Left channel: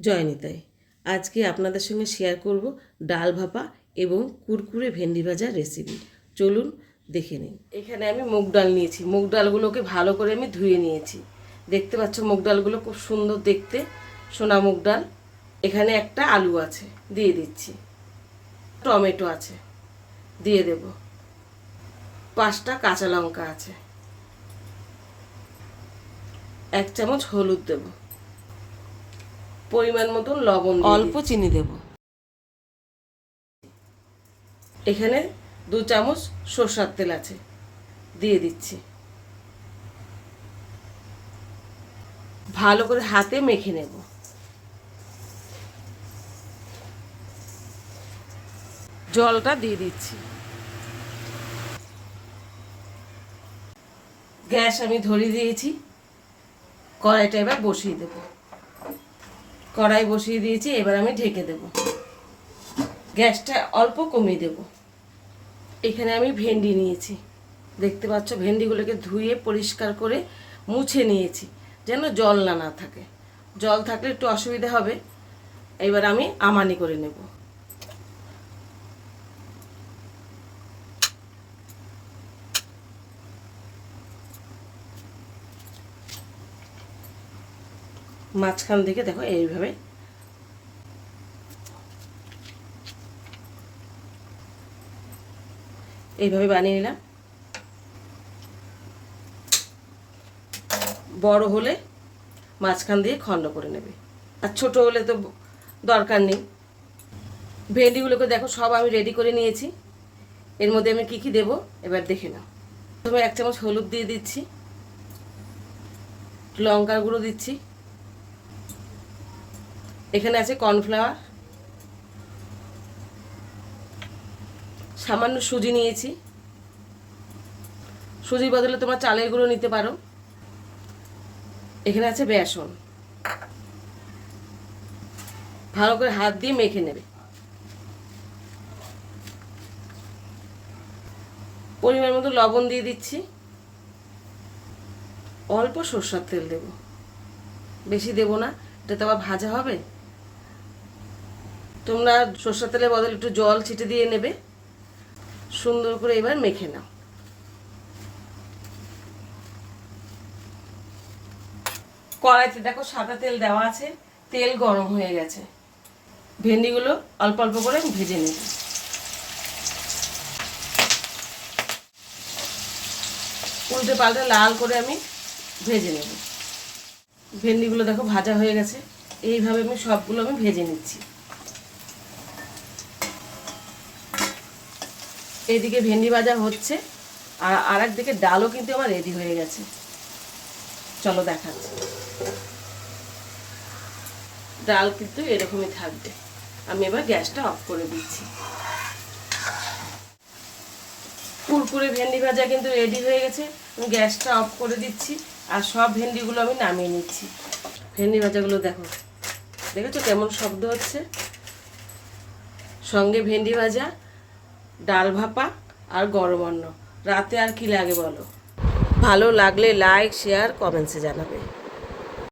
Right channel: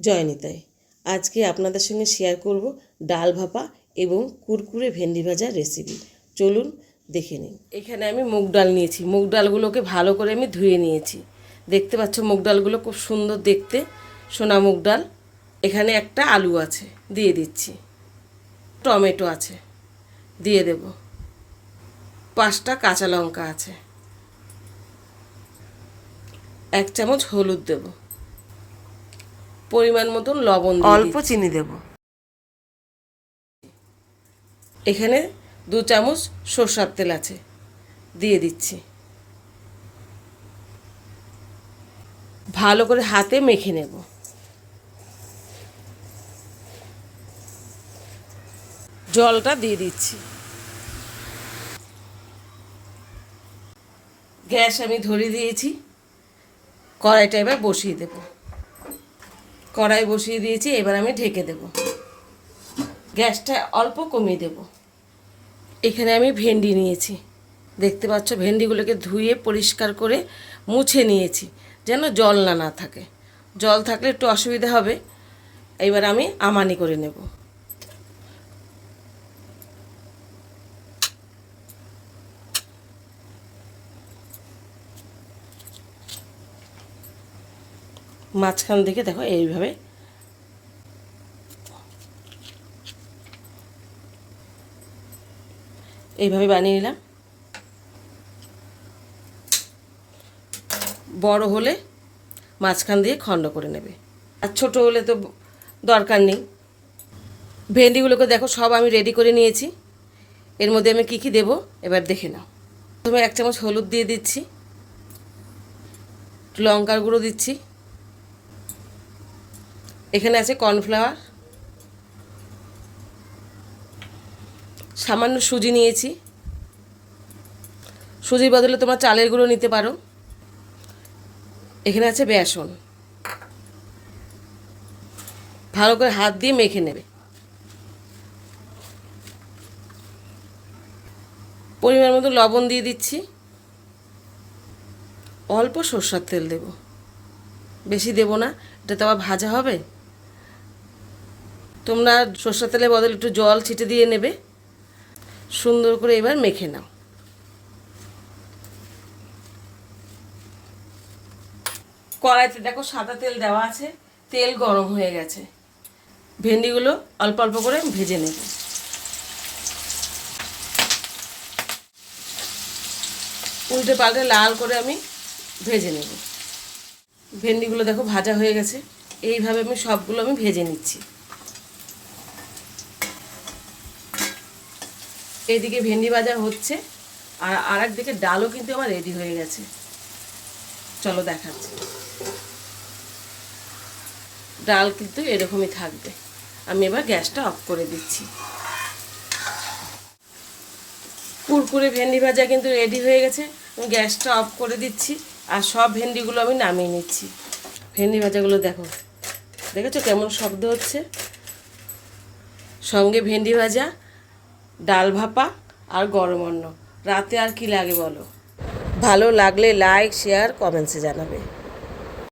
জয় নিতাই আজকে আপনাদের সঙ্গে শেয়ার করব ডাল ভাপা এবং কুরকুরে ভেন্ডি ভাজার রেসিপি চলুন দেখে নিন এখানে আমি মুগ ডাল নিয়েছি। মুগ ডালগুলোকে ভালো করে আমি ধুয়ে নিয়েছি। দেখতে পাচ্ছ মুগ ডালগুলো খুব সুন্দর দেখতে। সোনা মুগ ডাল। এখানে একটা আলু আছে, দিয়ে দিচ্ছি। টমেটো আছে, দিয়ে দেব। পাঁচটা কাঁচা লঙ্কা আছে। এক চামচ হলুদ দেব। পরিমাণ মতন লবণ অল্প চিনি দেব। এখানে দু চামচ সর্ষার তেল আছে দিয়ে দিচ্ছি। ভালো করে হাতে মেখে নেব। জলটা দিয়ে দিচ্ছি। গ্যাস আমি ধরিয়ে দিয়েছি কড়াইটা এবার বসিয়ে দেব। কড়াই বসিয়ে দিয়েছি, এবার আমি ঢেকে দেব। গ্যাসটা অল্প কমিয়ে দেব। এখানে আমি ভেন্ডি নিয়েছি। দেখতে পাচ্ছ, ভেন্ডিগুলোকে ধুয়ে পরিষ্কার করে মুছে নিয়েছি, যেন জল না না থাকে। জল থাকলে একটু অসুবিধা হবে। এবার আমি আমানি করে নেব। মাঝখান থেকে দেখো এইভাবে। এইভাবে বানিয়ে নিলাম। বড় হলে মাঝখান দিয়ে খণ্ড করে নেবে। আর ছোট হলে তো দরকার নেই। ভেন্ডিগুলোকে দেখো সব আমি রেডি করে নিয়েছি। এর মধ্যে আমি কী কী দেবো এবার দেখে নাও। প্রথমে এক চামচ হলুদ দিয়ে দিচ্ছি। লঙ্কার গুঁড়ো দিচ্ছি। এখানে আছে কর্নফ্লাওয়ার। সামান্য সুজি নিয়েছি। সুজির বদলে তোমার চালের গুঁড়ো নিতে পারো। এখানে আছে বেসন। ভালো করে হাত দিয়ে মেখে নেবে। পরিমাণ মতো লবণ দিয়ে দিচ্ছি। অল্প সর্ষার তেল দেব। বেশি দেব না এটা তো আবার ভাজা হবে? তোমরা সর্ষের তেলের বদলে একটু জল ছিটে দিয়ে নেবে। সুন্দর করে এবার মেখে নাও। কড়াইতে দেখো সাদা তেল দেওয়া আছে, তেল গরম হয়ে গেছে। ভেন্ডিগুলো অল্প অল্প করে ভেজে নেব। উল্টে পাল্টে লাল করে আমি ভেজে নেব। ভেন্ডিগুলো দেখো ভাজা হয়ে গেছে। এইভাবে আমি সবগুলো আমি ভেজে নিচ্ছি। এইদিকে ভেন্ডি ভাজা হচ্ছে, আর আর একদিকে ডালও কিন্তু আমার রেডি হয়ে গেছে। চলো দেখাচ্ছি। ডাল কিন্তু এরকমই থাকবে। আমি এবার গ্যাসটা অফ করে দিচ্ছি। কুরকুরে ভেন্ডি ভাজা কিন্তু রেডি হয়ে গেছে। আমি গ্যাসটা অফ করে দিচ্ছি, আর সব ভেন্ডিগুলো আমি নামিয়ে নিচ্ছি। ভেন্ডি ভাজাগুলো দেখো, দেখেছ কেমন শব্দ হচ্ছে? সঙ্গে ভেন্ডি ভাজা ডাল ভাপা আর গরম অন্ন। রাতে আর কি লাগে বলো? ভালো লাগলে লাইক শেয়ার কমেন্টসে জানাবে।